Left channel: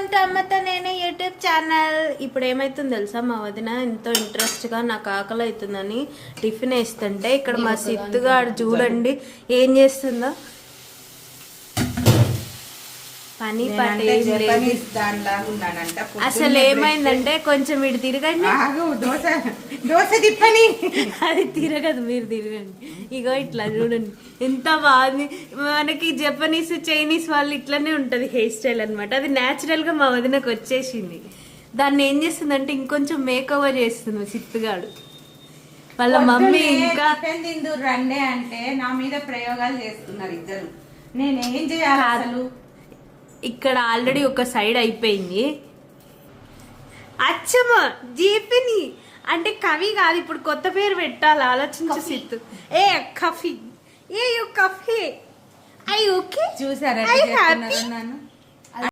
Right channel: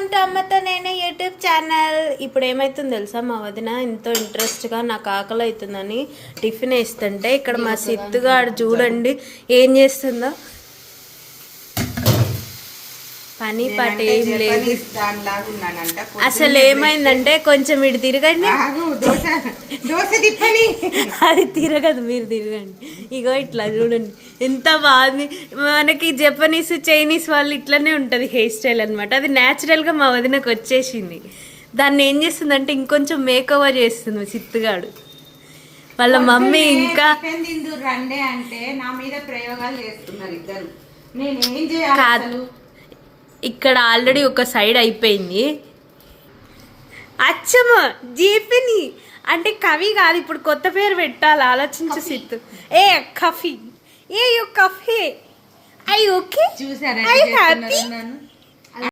Welcome to అమ్మతో నేనే YouTube channel. ఇప్పుడు ఏమైతుంది తెలుసా, మా వదిన ఎంతో ఇంట్రెస్ట్గా నాకు ఆకలి అవుతుందని టిఫిన్ వేస్తుంటే ఇక్కడ మా సిత్తుగాడు చూడండి ఏం చేస్తుందో. పని పాట ఏం లేదు. అసలు ఏమైందంటే కొంచెం ఇటు తిరగండి, అది తిరగదు, మీరు తిరగండి. ఇగో ఇట్లా చూడండి ఎంత బాగుంది. మనకి జపనీస్ చైనీస్ వాళ్ళు ఇట్లనే ఉంటుంది హెయిర్ స్టైల్ అనమాట. అది న్యాచురల్గా మా వదినకు వచ్చేసింది. దాన్ని ఏం చేస్తుందంటే ఇంకొంచెం మేకవర్ చేస్తుంది సిత్తుగాడు. వాళ్ళ మమ్మీ ఇంకా రండే అంటే నా మీద ప్రయోగాలు చేస్తున్నారు ఇద్దరు. నేనేం చేయాలి? ఇక్కడ ఆల్రెడీ ఒక సైడ్ అయిపోయింది. అచ్చమ్మ జీపిని అంటే కవి కాదు, ఇప్పుడు కొత్త పేరు పెట్టాలి, ఆలోచించు సిత్తు. ఏ కఫీ, ఏ యు కఫీ, ఐ ఓకే, చూసారా? I happy.